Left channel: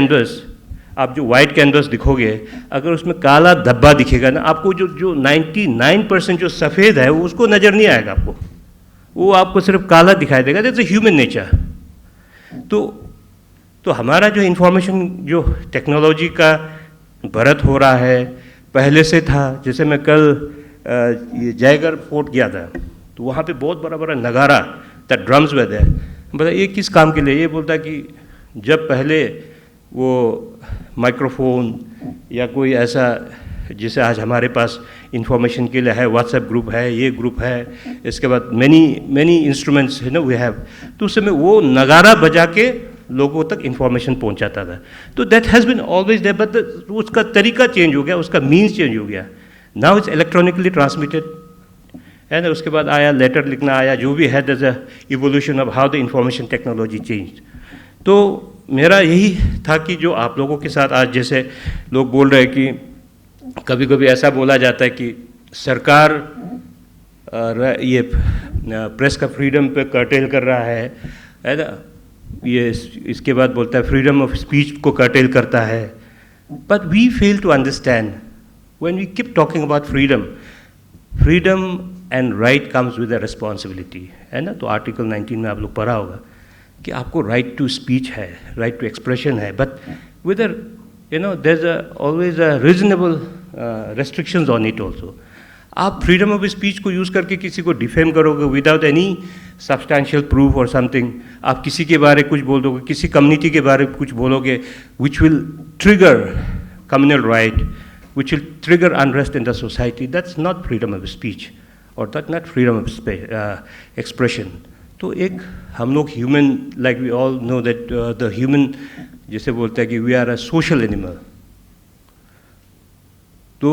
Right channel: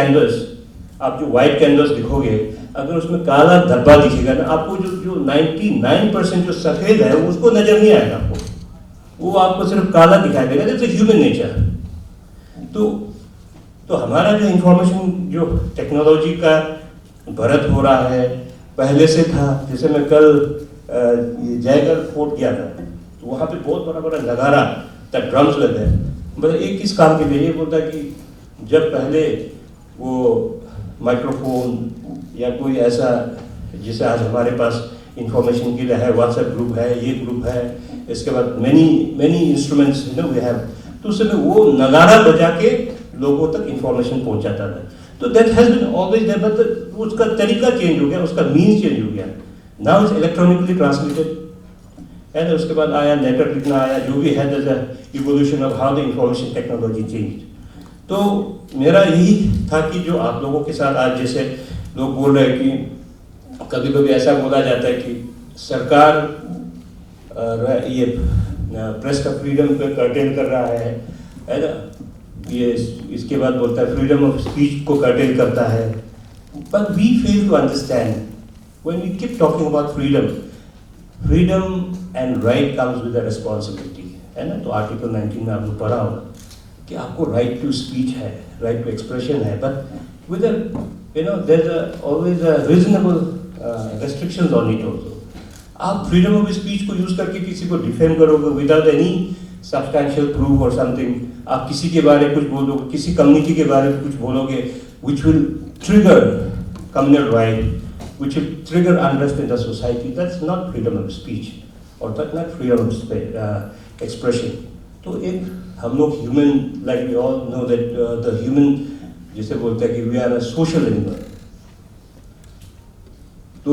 Canvas, आप जो white canvas दिखोगे, अगर उसमें काला धब्बा दिखेगा ना, आपको जो 99% जो सफ़ेद है वो उसको नज़र नहीं आएगा आपको, वो आपको सिर्फ काला दिखाई देगा। That's a human nature. तो हमारा जो इंफॉर्मेशन, जो टेक्नोलॉजी का बढ़त हो रहा है, पहले से था। जैसे मैं कल ये जयगढ़ फोर्ट गया था, तो वहाँ पे बहुत बड़ा बड़ा नगारा, द ड्रम्स वे देयर। मतलब ये किस काम के लिए? ये बोलता है कि जब पहले वो माइक्रोफोन या कोई ऐसा, जिसे आज हमारे पास इंफॉर्मेशन के लिए है, व्हाट्सएप ग्रुप है, ये ग्रुप है, इसके बाद मैनी इंस्ट्रूमेंट्स है ना वी हैव, तो उस समय वो नगारा बजा के लोगों तक इंफॉर्मेशन पहुंचाता था। तो that has been always there, but उसका तरीका चेंज हो गया, उसका मीन्स चेंज हो गया। नाउ इट्स इलेक्ट्रॉनिकली ट्रांसमिटेड है ना। उसके बाद आया लेटर लिखना, आया जो भी है, that's a evolution of how the information technology change. तो मेरा यही था कि जो आप लोगों के साथ आज, जैसे लोग बोल रहे हैं कि कभी कभी ऐसा बोला जाता है कि सरकार ये प्रेस का फ्रीडम पे कर्टेल कर रहा है ना, ये इसके बाद बोलता है फ्रीडम ऑफ स्पीच को कर्टेल करता है। But we fail to understand when we keep talking about freedom and right comes with a responsibility, है ना। तो आर्टिकल 19 में आप लोग पढ़ा होगा कि आपको राइट टू स्पीच है, राइट टू एक्सप्रेशन है, but with their is always a reasonable restrictions on it also. आप फ्रीडम ऑफ स्पीच को यूज़ करके किसी को डिफेम करोगे विदाउट एनी सब्सटैंशियल प्रूफ और समथिंग, आप किसी के बारे में कुछ बोल दोगे, किसी कम्युनिटी के बारे में कुछ बोलोगे, which will trigger communal riot, which will trigger unrest in the society, that's not freedom of speech और that not freedom of expression. तो एक हम लोग human, like we all know that the human, जैसे बोलते हैं कि we are a social animal. तो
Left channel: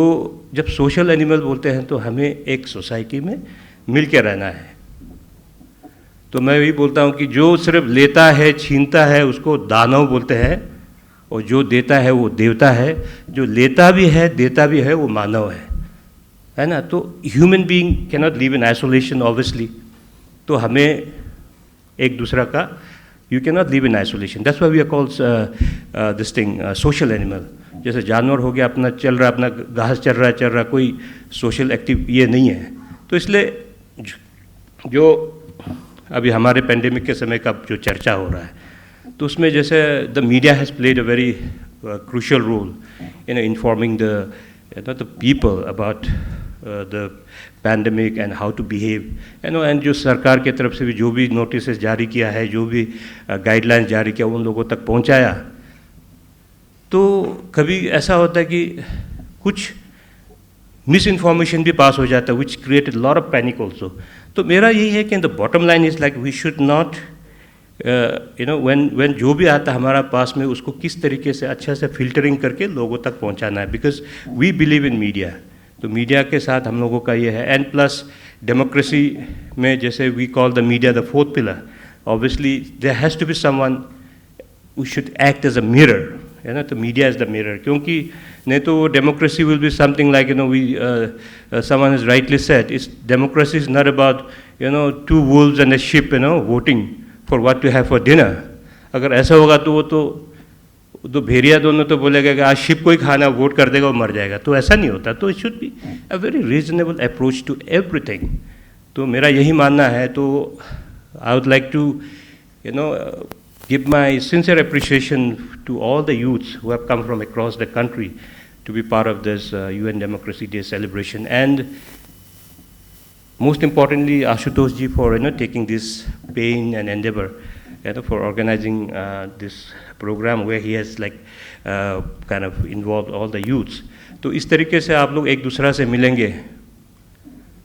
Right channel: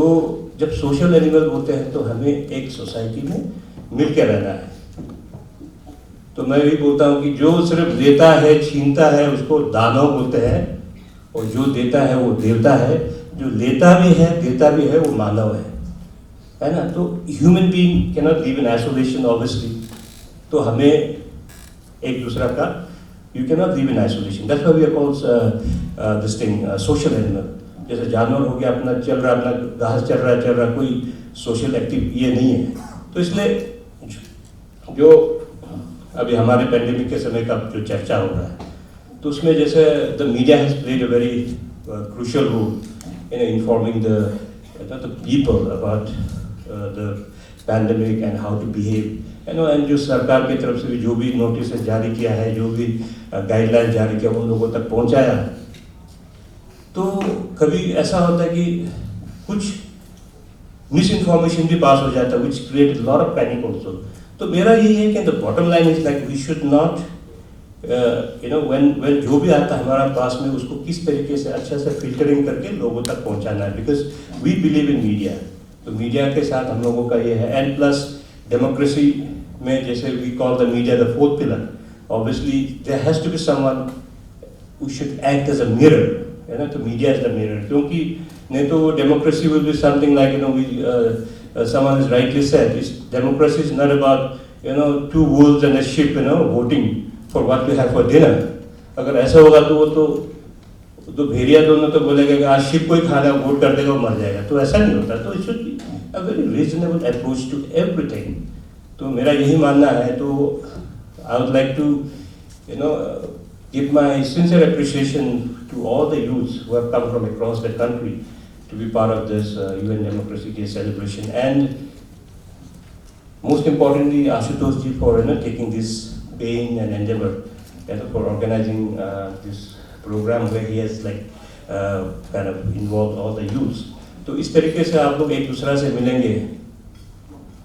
जब सोशल एनिमल बोलते हैं तो हमें एक सोसाइटी में मिल के रहना है। तो मैं भी बोलता हूँ कि जो सिर्फ लेता है, छीनता है, उसको दानव बोलते हैं, और जो देता है वो देवता है। जो लेता भी है, देता भी है, वो मानव है ना। तो human being can not live in isolation obviously. तो हमें एक दूसरा का, you can not live in isolation, that's why we are called this thing social animal. जैसे जानवर हो गया, अपना चल रहा, अपना घास चल रहा, कोई सोशल एक्टिव ये नहीं है। तो इसलिए जो अभी हमारे पेंडेमिक के समय का जो चर्चा हो रहा है, तो उसमें जैसे the media has played a very crucial role in informing the people about the pandemic and how to behave, and जो सरकार की तरफ से भी जो भी नोटिस जारी किया है, जो भी गाइडलाइन जारी किया, उन लोगों तक पहुंचाया। तो कभी ऐसा होता है कि कुछ मिस इन्फॉर्मेशन भी पास हो जाता है, which create a lot of panic also. तो मेरा यही है कि the bottom line is like we should not when जो भी आता है हमारा पास में, उसको किस तरीके से अच्छा से फिल्टरिंग करके लोगों तक पहुंचाना है, because we believe in media. तो मीडिया के साथ हम लोगों का ये है, एंड प्लस डेमोक्रेसी में जैसे we call the media the fourth pillar, obviously there has to be someone who should act as a mirror, है ना। तो मीडिया इज द मिरर, क्योंकि नहीं तो democracy will be something like someone has rightly said, is democracy is not about two wolves and a sheep voting for what to have for dinner. अगर ऐसा होगा तो वो तो भेड़िया दोनों तो बोलेगा कि आज शिप को ही खाना, वोट कर देगा, वो मर जाएगा। तो ऐसा नहीं होता। तो it should be a very reasonable approach to everything. तो मेरा यही मानना है। तो I would like to give my sincere appreciation to all the youths who have come from across the country to be part of this UN Democracy Day celebration, and most importantly Ashutosh ji for taking this pain and endeavor for organizing this program where he has kind of involved all the youths. तो इस तरीके से आप लोग एक दूसरा से मिलेंगे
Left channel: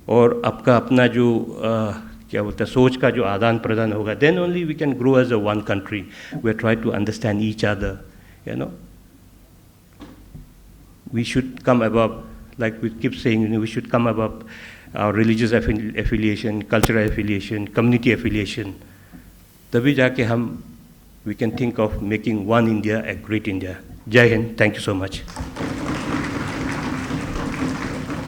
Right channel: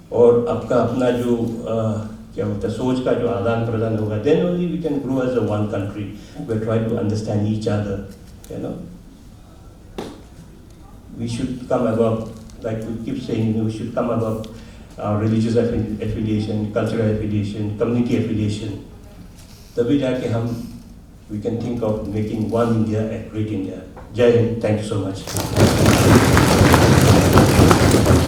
और आपका अपना जो क्या होता है सोच का जो आदान प्रदान होगा, then only we can grow as a one country. We are trying to understand each other. We should come above, like we keep saying, we should come above our religious affiliation, cultural affiliation, community affiliation. तभी जाके हम we can think of making one India a great India. Jai Hind. Thank you so much.